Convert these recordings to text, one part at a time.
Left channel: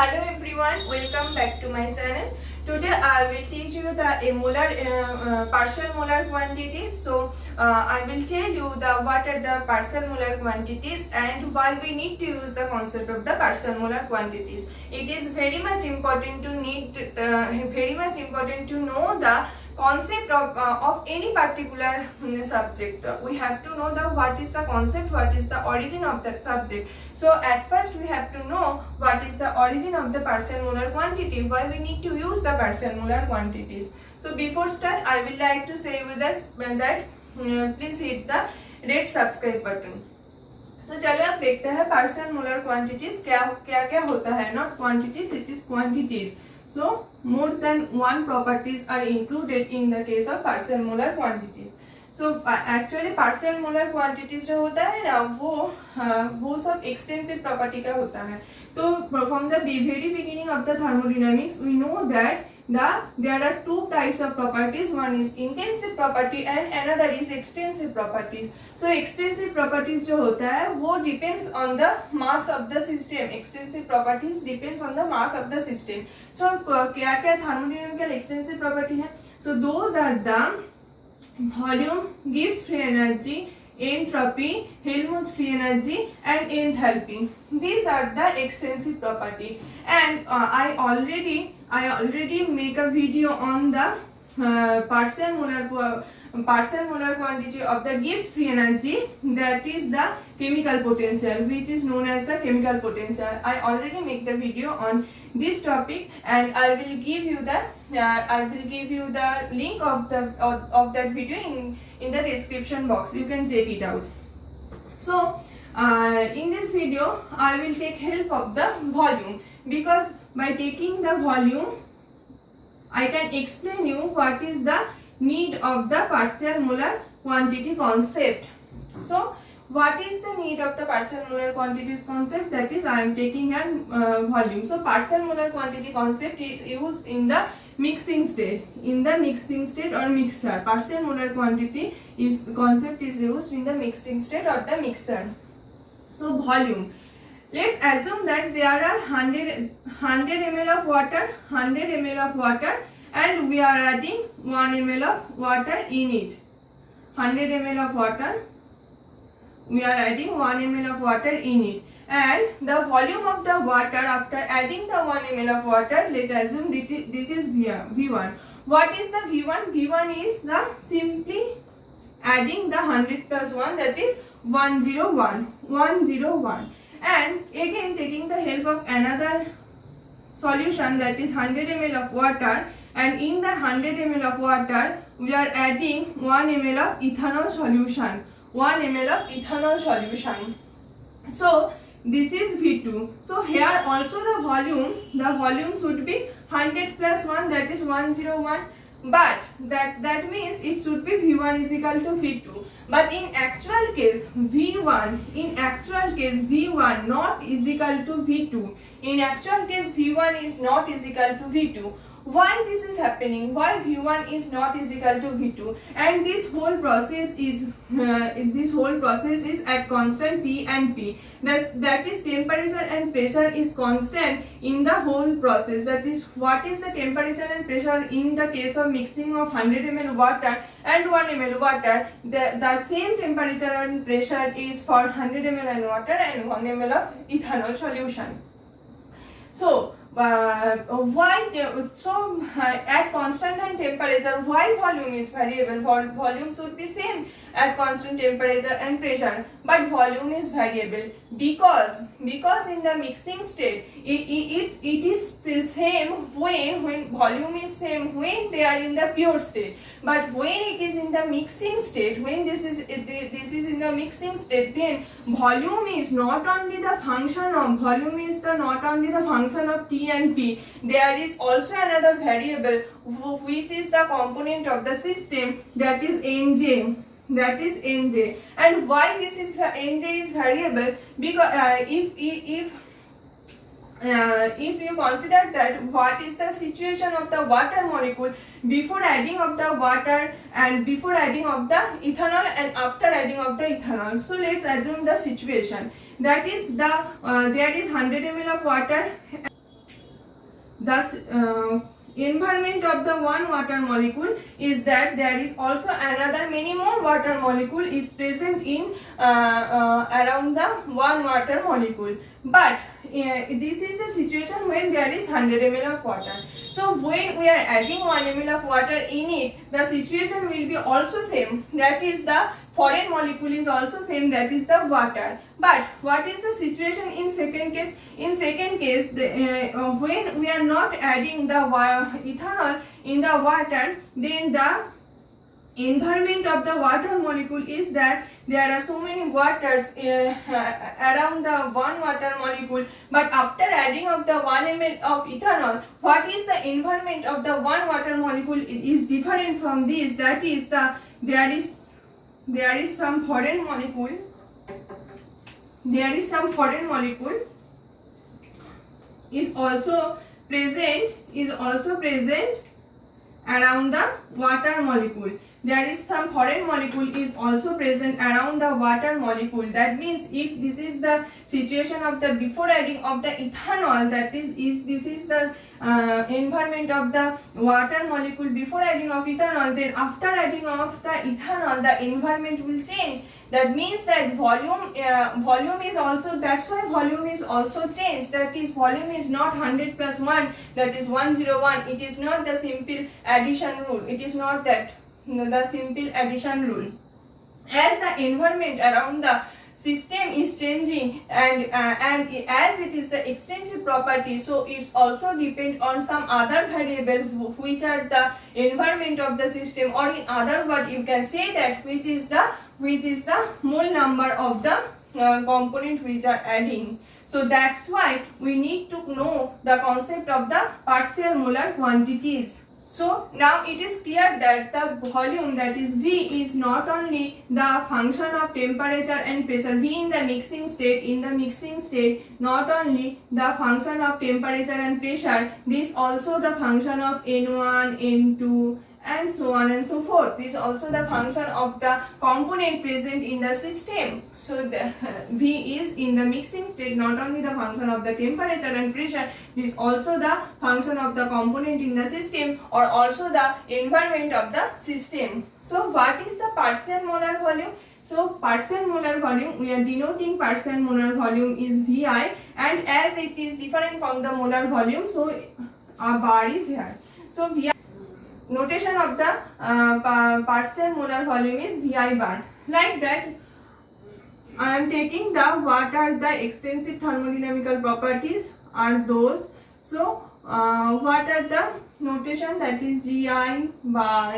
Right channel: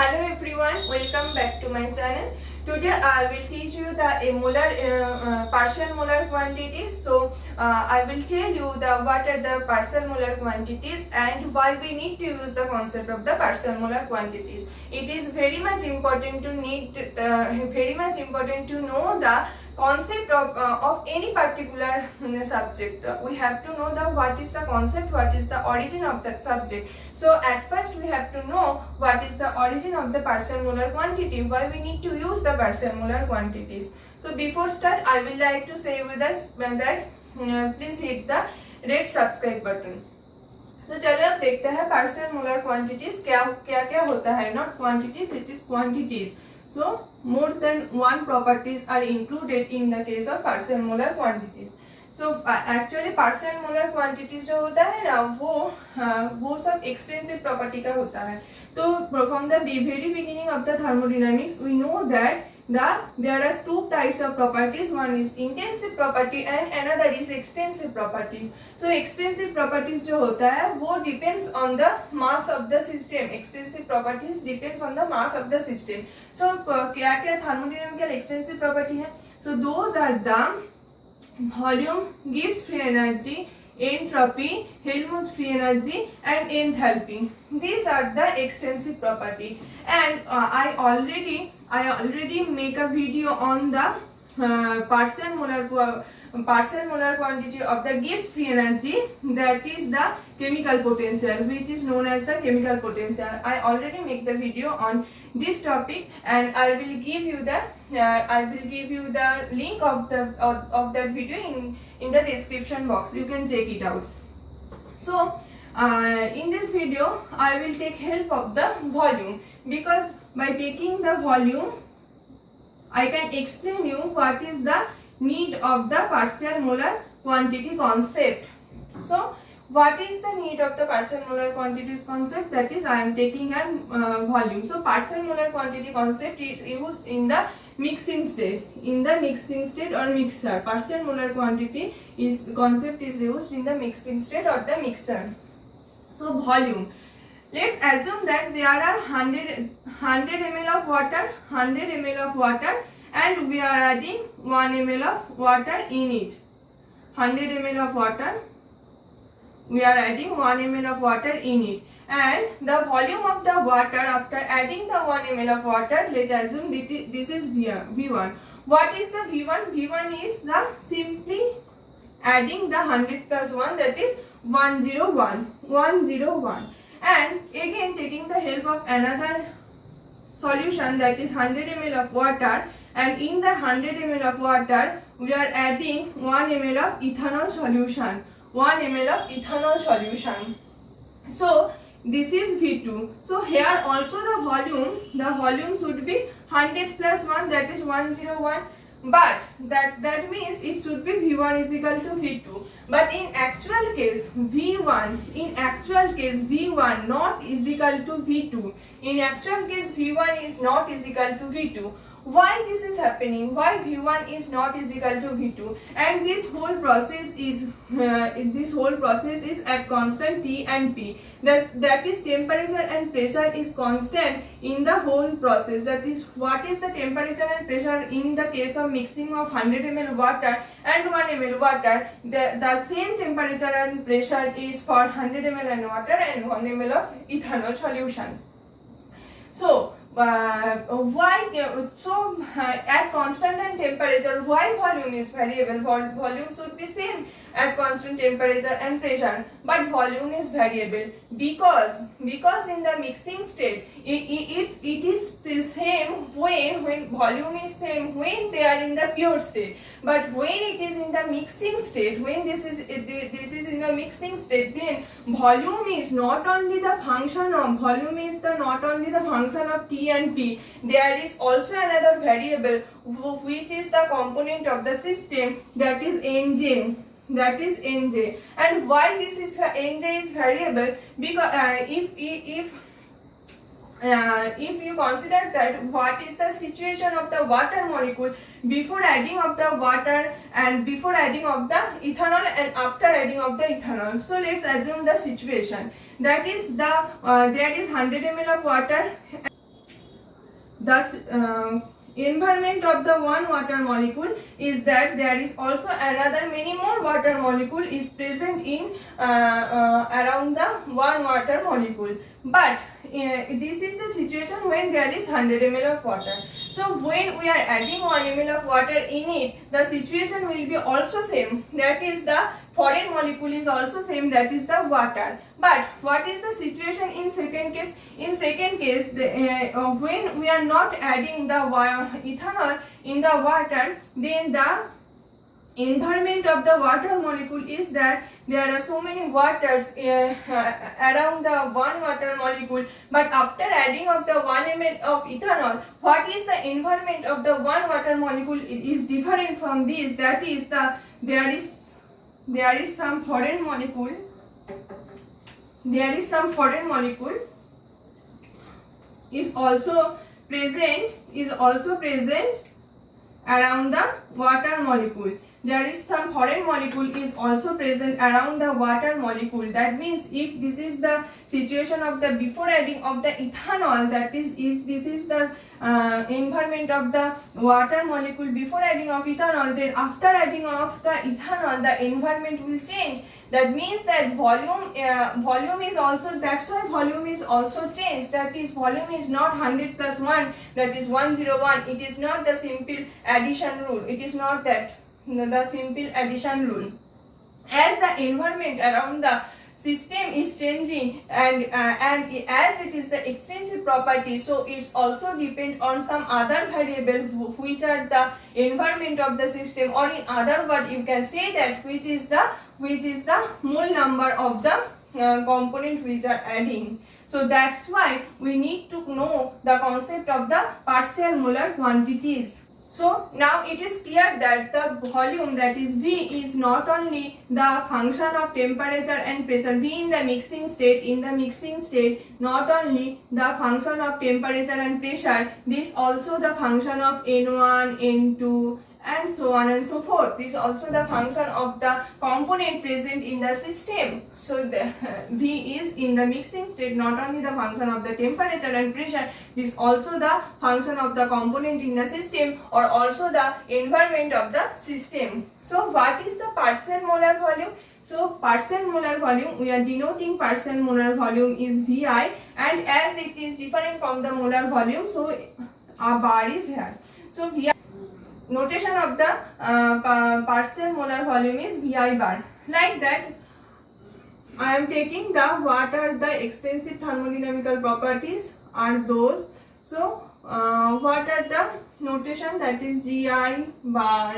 Hello everyone, welcome back to my channel. Today I will teach you the partial molar quantities. So I will tell you what are the partial molar quantities and why we need to use the concept of the partial molar quantities. It is very much important to know the concept of any particular subject. We have to know what is the concept, what is the origin of that subject. So at first we have to know what is the origin of the partial molar quantity, why we need to use the partial molar quantities. So before start, I will like to say with us that please hit the red subscribe button. So चलो अब देखते हैं partial molar quantities क्या क्या होता है. Not quantities, it is quantities. So more than one properties are included in the case of partial molar quantities. So actually partial molar quantities जो होता है ना वो सब extensive property का होता है. तो from the very beginning of the thermodynamics we know that there are two types of properties. One is intensive property and another is extensive properties. So extensive properties जो होता है वो depends on the mass of the system. Extensive properties depends on the mass of the system. So क्या क्या thermodynamical extensive property है? So those are the volume, Gibbs free energy, entropy, Helmholtz free energy and enthalpy. These are the extensive property. And I already make a video on the partial molar quantity of the Gibbs free energy, that is the chemical potential, which is known as the chemical potential. I already make the video on this topic and I will give you the link of that video in the description box. You can check it out. So in this video I will take help of the volume, because by taking the volume I can explain you what is the need of the partial molar quantity concept. So what is the need of the partial molar quantities concept? That is, I am taking a volume. So partial molar quantity concept is used in the mixing state. In the mixing state or mixture, partial molar quantity concept is used in the mixing state or the mixture. So volume. Let's assume that there are 100 ml of water, 100 ml of water, and we are adding 1 ml of water in it. 100 ml of water, we are adding 1 ml of water in it, and the volume of the water after adding the 1 ml of water, let us assume this is V1. What is the V1? V1 is the simply adding the 100 plus 1, that is 101. And again taking the help of another solution, that is 100 ml of water, and in the 100 ml of water we are adding 1 ml of ethanol solution. 1 ml of ethanol solution. So this is V2. So here also the volume should be 100 plus 1, that is 101. But that means it should be V1 is equal to V2. But in actual case V1 not is equal to V2. In actual case V1 is not is equal to V2. Why this is happening? Why V1 is not is equal to V2? And this whole process is at constant T and P. That is temperature and pressure is constant in the whole process. That is, what is the temperature and pressure in the case of mixing of 100 ml water and 1 ml water? The same temperature and pressure is for 100 ml and water and 1 ml of ethanol solution. So at constant and temperature, why volume is variable? Volume should be same at constant temperature and pressure, but volume is variable because in the mixing state it is the same when volume is same when they are in the pure state, but when it is in the mixing state, when this is in the mixing state, then volume is not only the function of T and P. There is also another variable which is the component of the system, that is Nj. And why this is Nj is variable? Because if you consider that what is the situation of the water molecule before adding of the water and before adding of the ethanol and after adding of the ethanol. So let's assume the situation that is there is 100 ml of water thus environment of the one water molecule is that there is also another many more water molecule is present in around the one water molecule, but this is the situation when there is 100 ml of water. So when we are adding 1 ml of water in it, the situation will be also same, that is the foreign molecule is also same, that is the water. But what is the situation in second case? In second case, when we are not adding the ethanol in the water, then the environment of the water molecule is that there are so many waters around the one water molecule, but after adding of the 1 ml of ethanol, what is the environment of the one water molecule is different from this, that is the there is some foreign molecule, is also present around the water molecule. There is some foreign molecule is also present around the water molecule. That means if this is the situation of the before adding of the ethanol, that is this is the environment of the water molecule before adding of ethanol, then after adding of the ethanol, the environment will change. That means that volume is also, that's why volume is also changed. That is, volume is not 100 plus 1, that is 101. It is not the simple addition rule. It is not that the simple addition rule. As the environment around the system is changing and as it is the extensive property, so it's also depend on some other variable which are the environment of the system, or in other word you can say that which is the mole number of the component which are adding. So that's why we need to know the concept of the partial molar quantities. So now it is clear that the volume, that is V, is not only the function of temperature and pressure. V in the mixing state, not only the function of temperature and pressure, this also the function of N1, N2 and so on and so forth. This is also the function of the component present in the system. So the V is in the mixing state, not only the function of the temperature and pressure, this is also the function of the component in the system, or also the environment of the system. So what is the partial molar volume? So partial molar volume, we are denoting partial molar volume is Vi, and as it is different from the molar volume, so a bar is here. So Vi, notation of the partial molar volume is Vi bar. Like that, I am taking the what are the extensive thermodynamical properties are those. So what are the notation, that is Gi bar,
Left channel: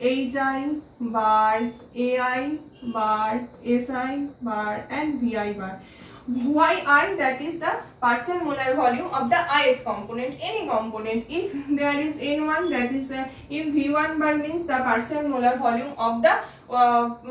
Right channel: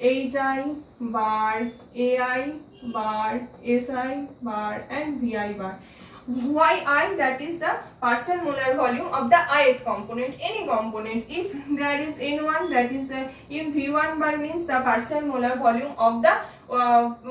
Hi bar, Ai bar, Si bar and Vi bar. Yi, that is the partial molar volume of the ith component, any component. If there is N1, that is the, if V1 bar means the partial molar volume of the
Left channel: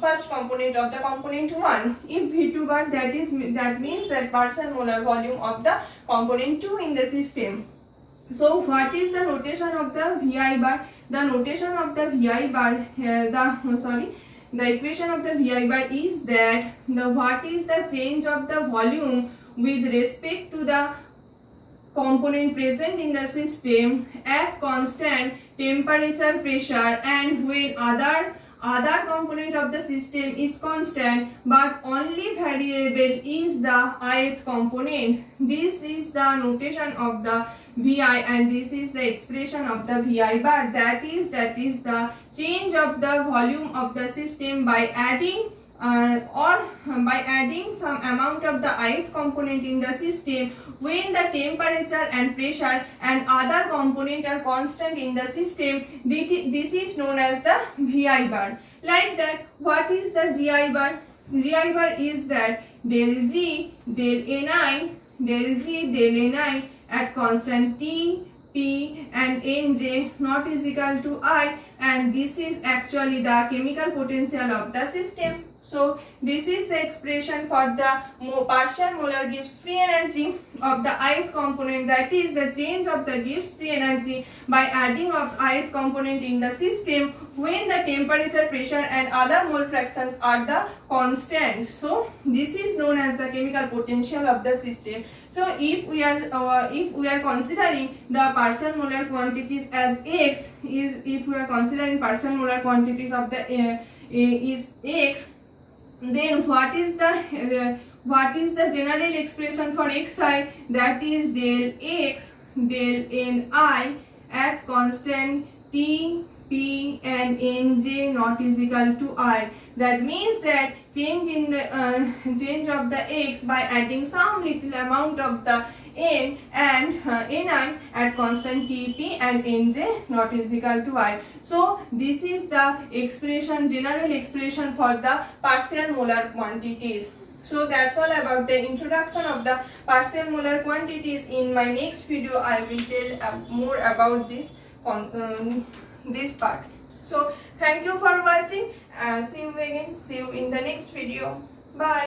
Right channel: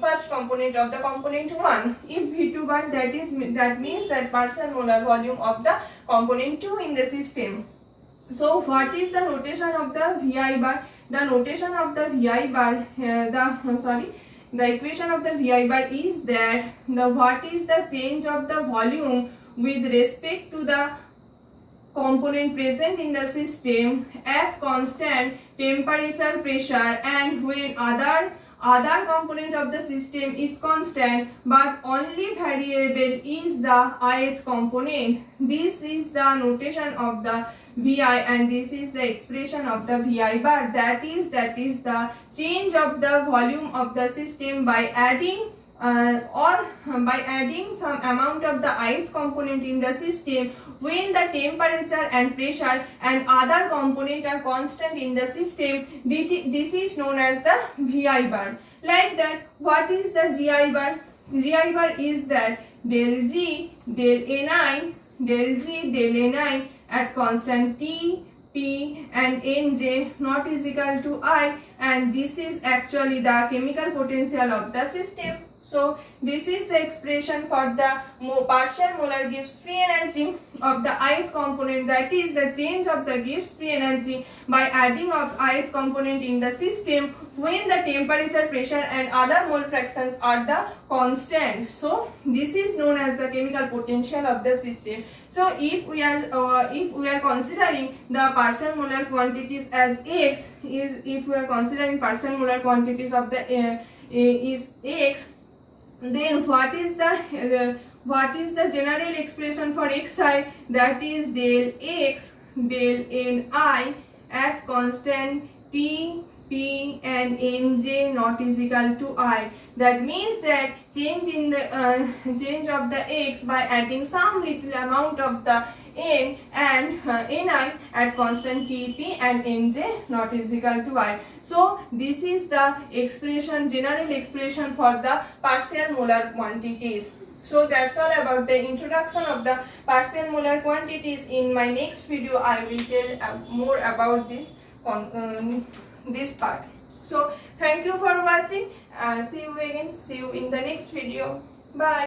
first component of the component 1. If V2 bar, that means that partial molar volume of the component 2 in the system. So what is the notation of the Vi bar? The notation of the Vi bar, the equation of the Vi bar is that what is the change of the volume with respect to the component present in the system at constant temperature, pressure, and when other component of the system is constant but only variable is the ith component. This is the notation of the Vi, and this is the expression of the Vi bar. That is the change of the volume of the system by adding some amount of the ith component in the system when the temperature and pressure and other component are constant in the system. This is known as the Vi bar. Like that, what is the Gi bar? Gi bar is that del G del Ni del G del Ni at constant T, P and Nj not is equal to I, and this is actually the chemical potential of the system. So this is the expression for the partial molar Gibbs free energy of the ith component, that is the change of the Gibbs free energy by adding of ith component in the system when the temperature, pressure and other mole fractions are the constant. So this is known as the chemical potential of the system. So if we are considering the partial molar quantities as X, if we are considering partial molar quantities of the is X, then what is the general expression for Xi? That is del X del Ni at constant T, P and Nj not is equal to I. That means that change in the change of the X by adding some little amount of the N and Ni at constant Tp and Nj not is equal to I. So this is the expression, general expression for the partial molar quantities. So that's all about the introduction of the partial molar quantities. In my next video I will tell more about this this part. So thank you for watching. See you again. See you in the next video. Bye.